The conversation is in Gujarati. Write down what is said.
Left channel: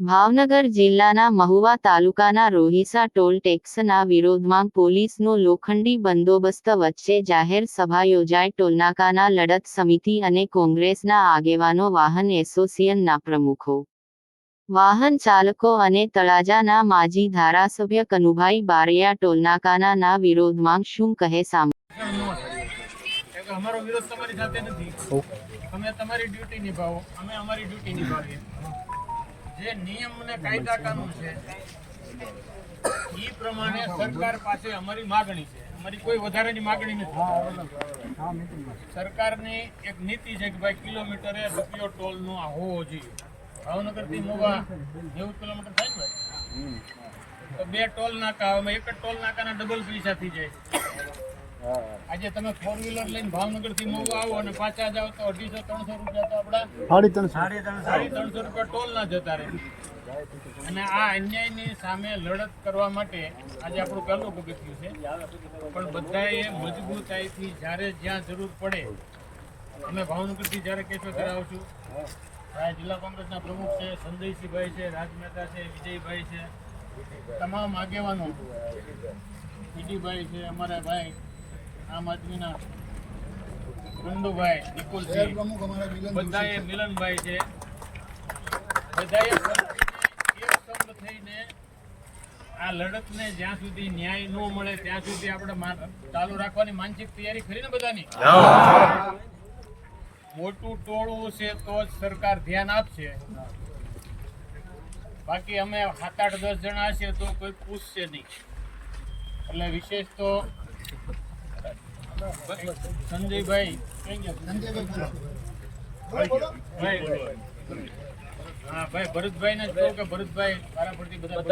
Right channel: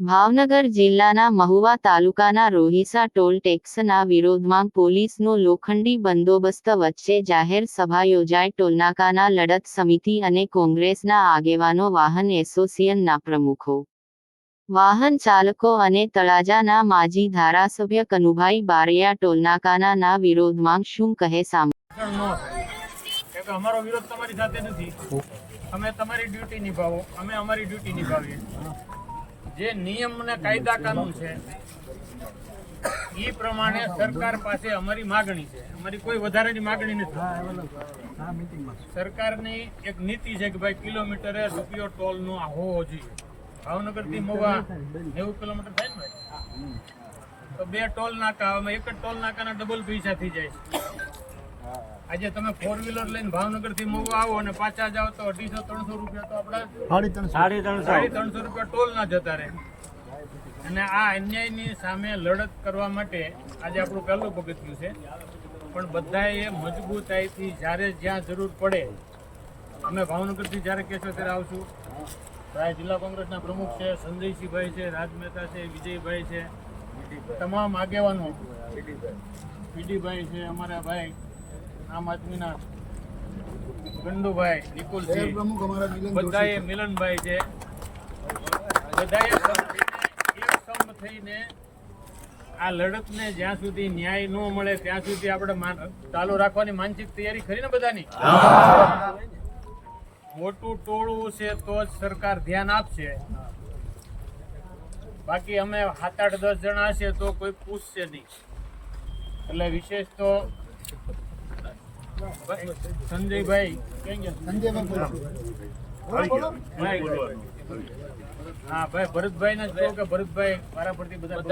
ભાવનગર જિલ્લાના મહુવા તાલુકાના રોહિસા ટોલ ટેક્સના વિરોધમાં પોલીસનો લોખંડી બંદોબસ્ત વચ્ચે જાહેર સભા યોજાઈ. ટોલનાકાના લડત સમિતિ અને કોંગ્રેસના આગેવાનો, વાહન એસોસિએશનના પ્રમુખો, વાહન ચાલકો અને તળાજાના માજી ધારાસભ્ય કનુભાઈ બારૈયા ટોલનાકાના વિરોધમાં શું કહે સાંભળો. અમારો વિરોધ તમારી સાથે નથી. અમે તમારી ડ્યુટી નિભાવો, અમે અમારી ડ્યુટી નિભાવીએ. જે નિયમ અને કાયદા કાનૂન છે એ પ્રમાણે સરકાર પાસે અમારી માગણી છે. અમારી કોઈ વધારાની માગણી નથી. સરકારની એક નીતિ છે કે ભાઈ કિલોમીટરે રૂપિયો ટોલનો હોવો જોઈએ. ભાવનગરથી મહુવા 90 કિલોમીટર થાય ને ભાઈ, તો 2 ટોલ નાકા, અમે એક જ ટોલ નાકાના ડબલ પૈસા થઈ જાય છે. આજે તમે 4 વ્હીલર લઈને ભાવનગર થી મહુવા આવો અને પાછા જાઓ તો 250-300 રૂપિયા તો આપડા 350 રૂપિયા ટોલ ના જતા રહે. અને આ અન્યાયની સામે લડત કરવા માટે આજે આપણું પહેલું પગથિયું છે. પણ બધાએ મજબૂતાઈથી જ્યારે જ્યાં જરૂર પડે, અમે ભાવનગરથી જ્યારે કહેશો ત્યારે આવશું. ભાઈ જિલ્લા કોંગ્રેસના પ્રમુખ છે, સંજયસિંહભાઈ છે, રાજ મહેતા છે, વિજયભાઈ છે, તમામ આગેવાનો, પીડીભાઈ છે, અમારા ભાઈ આમ આદમીના ગંડુભાઈ, નિકુલસિંહ, બધાએ મિલનભાઈ છે, બધાએ એક સંપ થઈને આ લડતને જ્યાં સુધી ન્યાય ન મળે ત્યાં સુધી આપણે ચાલુ રાખવાની માનસિક તૈયારી ખરી ને બધાની. મોટું ટોળું છે તો જ સરકાર ધ્યાન આપશે. બાકી અમે 7-8-10 જણા હશે તો કોઈ પૂછશે નહીં. એટલે વિશેષ તો સંજયભાઈ, હા ભાઈ ભરતભાઈ ને જ કહું કે ભરતભાઈ વારાફરતી બધા